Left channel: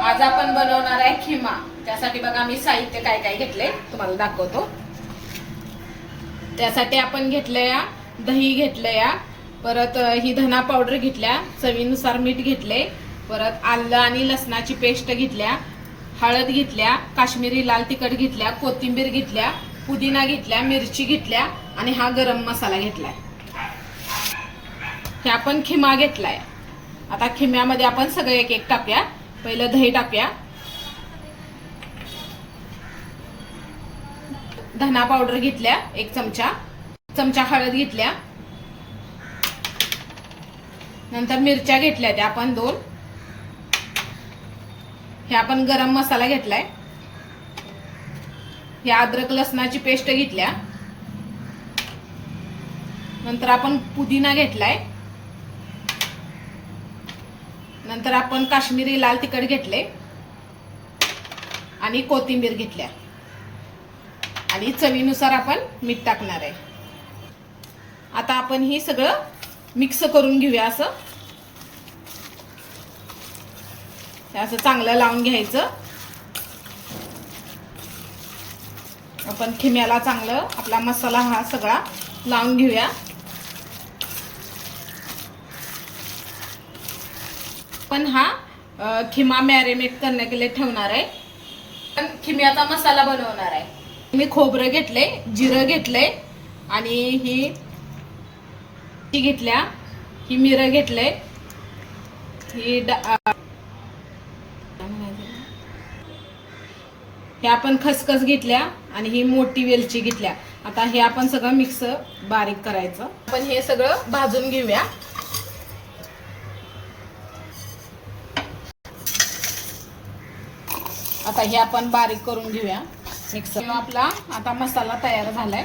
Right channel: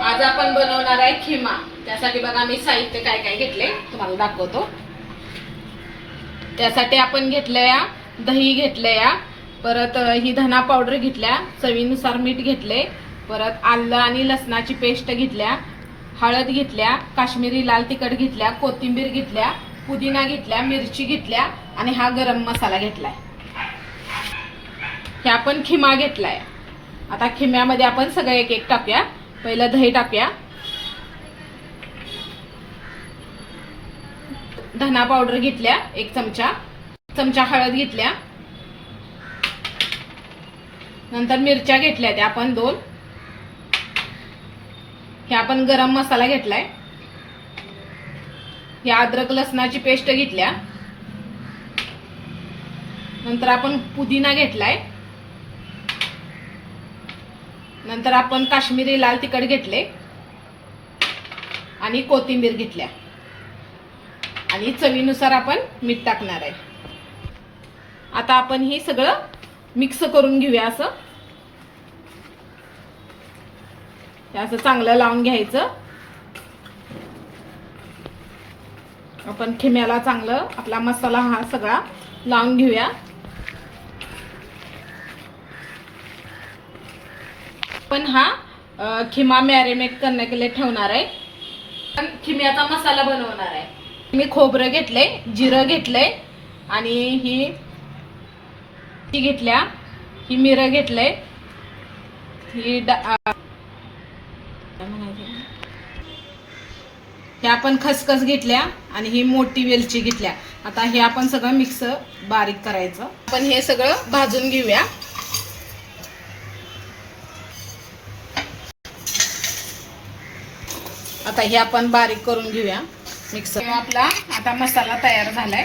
आज आपण बनवणार आहे खिमा। त्यासाठी बघा मी साहित्य काय काय घेतले तुम्हाला दाखवतो। त्यासाठी आपण घेतले दही घेतले, परत ही धना पावडर घेतल्या, चवीनुसार मीठ घेतले, परत आलं आणि लसणाची पेस्ट घेतल्या, हळद घेतल्या, काश्मीरी लाल तिखट घेतल्या, कोथिंबीर घेतल्या, पुदिना घेतल्या, मिरची घेतल्या आणि हा गरम मसाला घेतलाय। हे आपण खिमा घेतलाय। आता खिम्यामध्ये आपण सगळं एक एक टाकूया। पहिलं दही टाकूया, धना पावडर घेतल्या 1 चमचा हळद घेतल्या, नंतर मिरच्या घेतल्या त्या आपण 2, हे आपण गरम मसाला घेतलाय, हे अद्रक लसणाची पेस्ट घेतल्या, नंतर आपण पुदिना घेतलाय, नंतर आपण काश्मीरी लाल तिखट घेतले आणि कोथिंबीर घेतल्या आणि चवीनुसार आपण मीठ टाकणार आहे। आता आपण हे सगळं मिक्स करून घेऊया। असं चांगलं लावून घ्यायचं। आपण खिम्याला चांगलं आपला मसाला हा सगळा लावून घेऊया। पण हा खिमा मॅरिनेट करने के लिए ठेवणार आहे। पण खिम्याचा मसाला बनवणार आहे। मी खोबरं घेतले, जिरं घेतले आणि ही घेतल्या, ही मिरं घेतले, ही हे आपण खसखस घेतल्या आणि ही मोठी वेलची घेतल्या। आता हे आपण सगळं मिक्स बारीक करायचं। आपण हे सगळं भाजून घेऊया। आता हे आपण बारीक करून घेऊया मिक्सर। आपला आता मसाला तयार झालाय।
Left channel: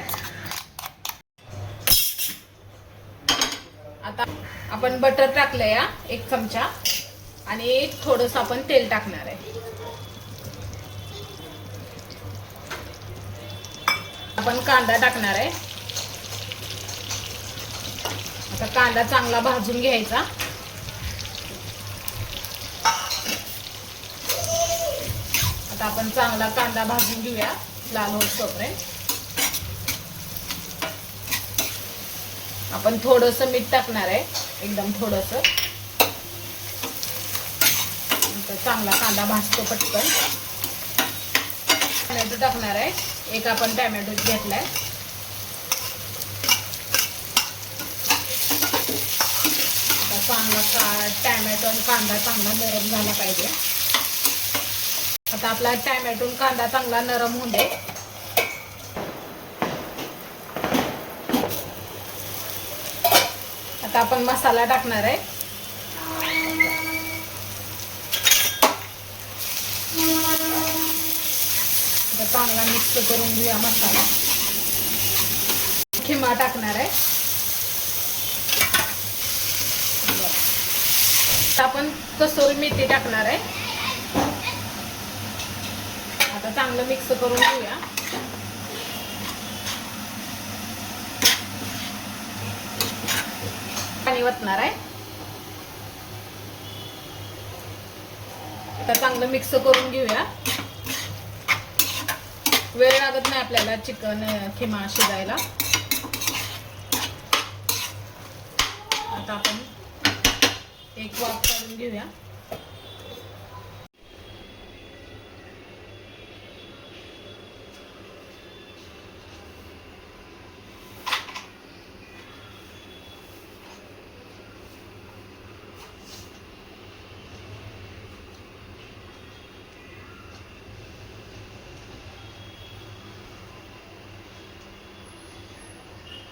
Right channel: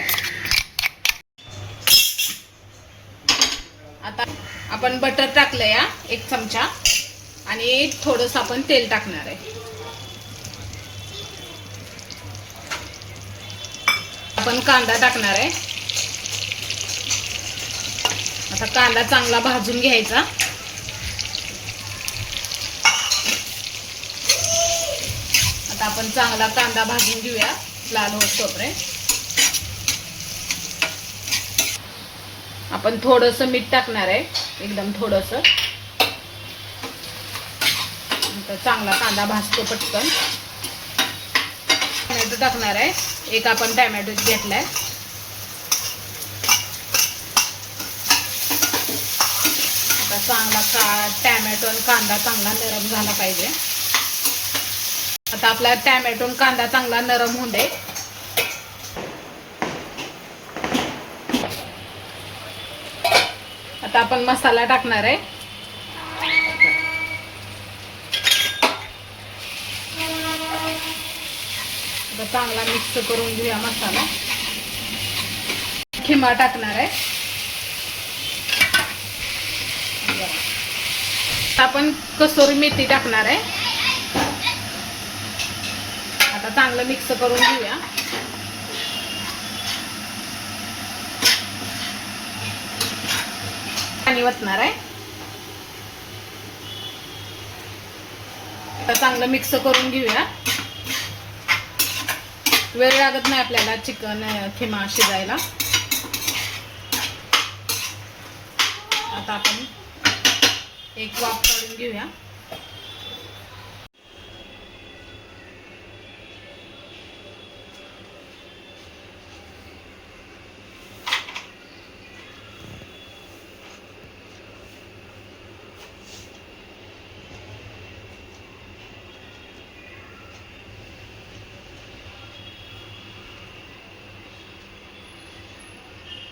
आता आपण बटर टाकलंय 1 चमचा आणि थोडंसं आपण तेल टाकणार आहे। आपण कांदा टाकणार आहे। आता कांदा चांगला भाजून घ्यायचा। आता आपण चांगला कांदा भाजून घेऊया लाल होईपर्यंत। आपण थोडंसं मीठ टाकणार आहे, एकदम थोडंसं। चांगला कांदा भाजतो पटकन। टोमॅटो टाकणार आहे, एक आपण टोमॅटो घेतलाय। आता चांगला टोमॅटो आणि कांदा चांगला नरम झाला पाहिजे। आता आपला टोमॅटो आणि कांदा चांगला नरम होऊ दे। आता आपण मसाला टाकणार आहे। आता चांगला मिक्स करून घेऊया मसाला। खिमा टाकणार आहे। आपण कसुरी मेथी टाकणार आहे। आता चांगलं मिक्स करून घेऊया। पाणी ओतणार आहे। आता चांगलं मिक्स करून घेऊया। वेळ लागत नाही आपल्याला चिकन खिमा शिजायला। आता आपण एक वाफ काढून घेऊया।